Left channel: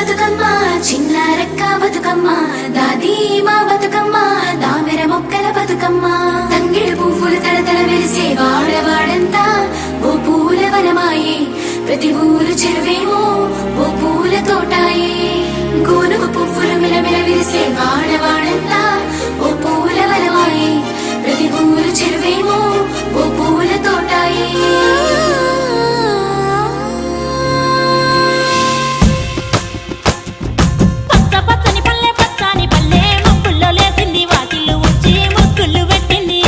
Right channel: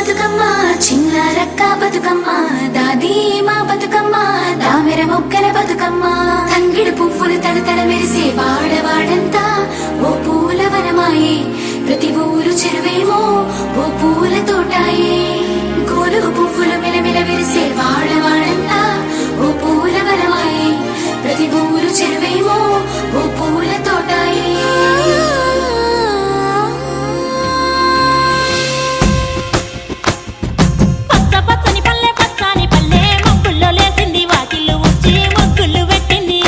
బతుకమ్మ చిన్న రక్క బతుకమ్మ దాది మా బతుకమ్మ దామెర మొక్కల బతుకమ్మ తంగిడు పువ్వులు తడతడ మెరిసే వాడవాడంతా ఓ పూల వనమాయే ప్రతి ఊరు చెరువేమో ఓ పూల తోటాయే గోరు పువ్వులు మెలమెల విరిసే వాడవాడంతా ఓ పూల వనమాయే ప్రతి ఊరు చెరువేమో ఓ పూల తోటాయే పచ్చని పల్లె పచ్చని పల్లె మబ్బుల్లో లేసింది వాకిళ్ళు ఊడ్చి ముగ్గులు పెట్టింది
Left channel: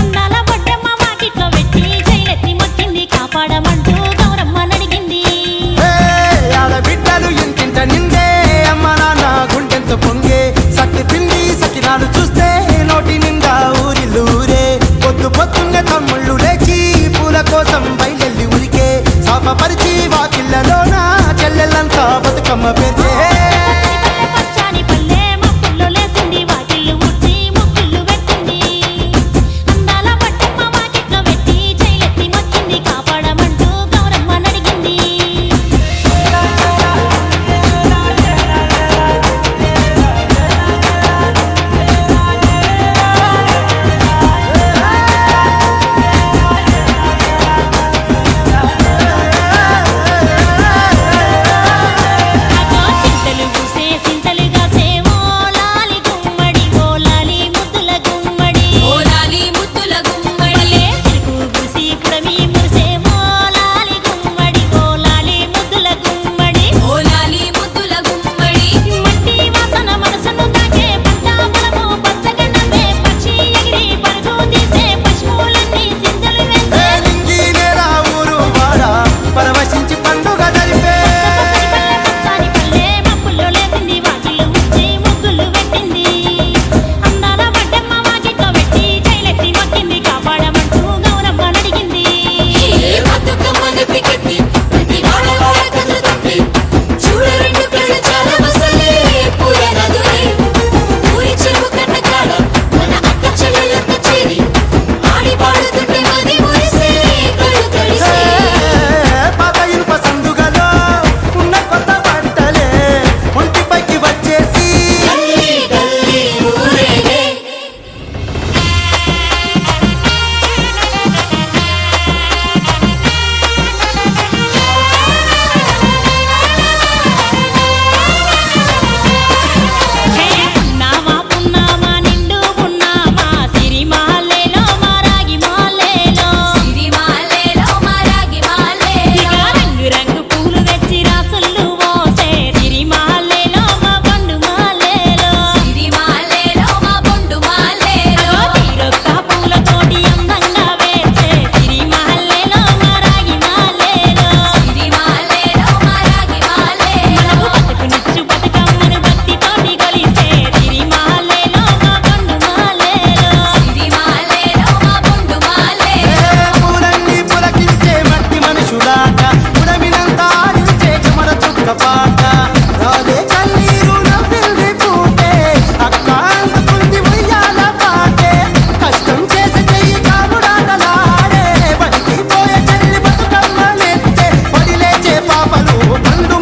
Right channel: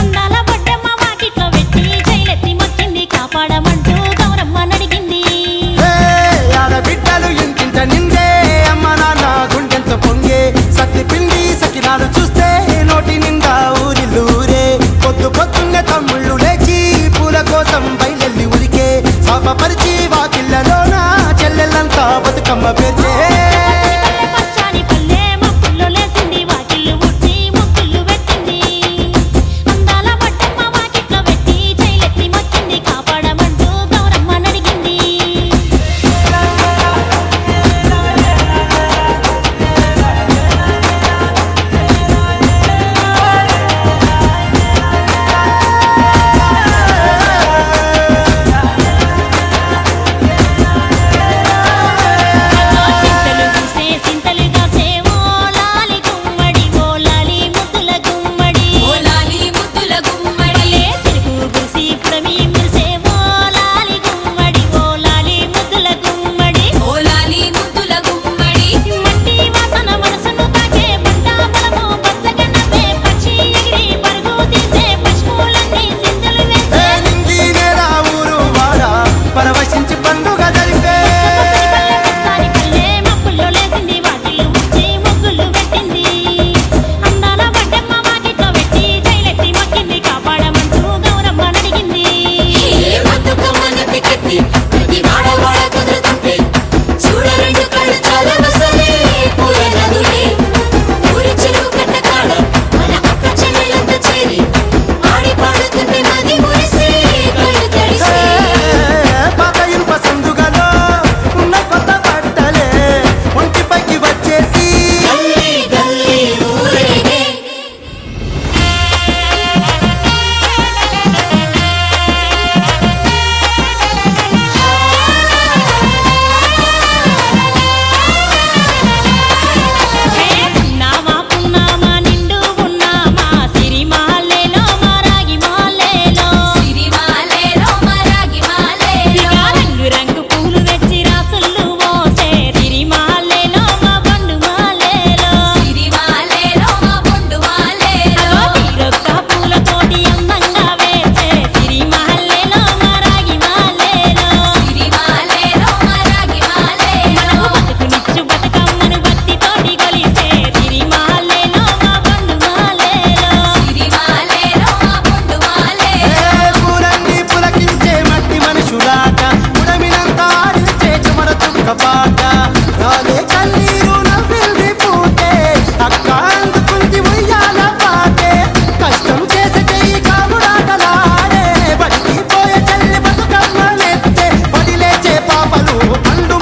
అందాల బొడ్డమ్మ వాకిట్లో పెట్టి జైలెత్తి మొక్కింది కాపాడమంటూ గౌరమ్మ నడిగింది ఆడబిడ్డలు ఇంటింట నిందే అమ్మ నాన్న గుండెంత పొంగే సత్తి పిండి సకినాలు చూస్తే నోటి నిండా ఊరిల్లూరే పొద్దు పొద్దున్నే తమ్ముళ్ళు లేచి పూల కోసం బయలెల్లి ఉరికే శాపపరిచి వాకిళ్ళలోన చెల్లెళ్ళంతా బతుకమ్మ పేర్చే పచ్చని పల్లె మబ్బుల్లో లేసింది వాకిళ్ళు ఊడ్చి ముగ్గులు పెట్టింది అందాల బొడ్డమ్మ వాకిట్లో పెట్టి జైలెత్తి మొక్కింది కాపాడమంటూ గౌరమ్మ నడిగింది పరవశించి పండుగ జరిపే పచ్చని పల్లె మబ్బుల్లో లేసింది వాకిళ్ళు ఊడ్చి ముగ్గులు పెట్టింది అందాల బొడ్డమ్మ వాకిట్లో పెట్టి జైలెత్తి మొక్కింది కాపాడమంటూ గౌరమ్మ నడిగింది సందుగలో ఉన్న కొత్త బట్టలే ఒంటిపైకి వచ్చేసి పున్నామా పున్నామా నిండు పున్నామా సిరిమాలేలో మారాగి మాలేలో ఇక రంగు రంగు పూలు తెచ్చి రాసుళ్ళు మోసే సిరిమాలేలో మా బండు మాలేలో అగో తీరొక్క పూలతోటి అందంగా వేసే సిరిమాలేలో మారాగి మాలేలో మనకు బతుకునిచ్చు బతుకమ్మను భక్తితోటి కొలిసే సిరిమాలేలో మా బండు మాలేలో పూలన్నీ పులకించే మట్టి మనుషులాట ఉడమినంత ఆడించే చెమర చుక్క పాట రాలే కన్నీరు నవ్వింది పూటే అక్క అందుకుంది ఉయ్యాల పాటే కష్టం చేసే చెయ్యి కాముడాటలాడే బడికి పోయే చెల్లి బతుకమ్మ నెత్తే పడి లేచే పాపలు పండు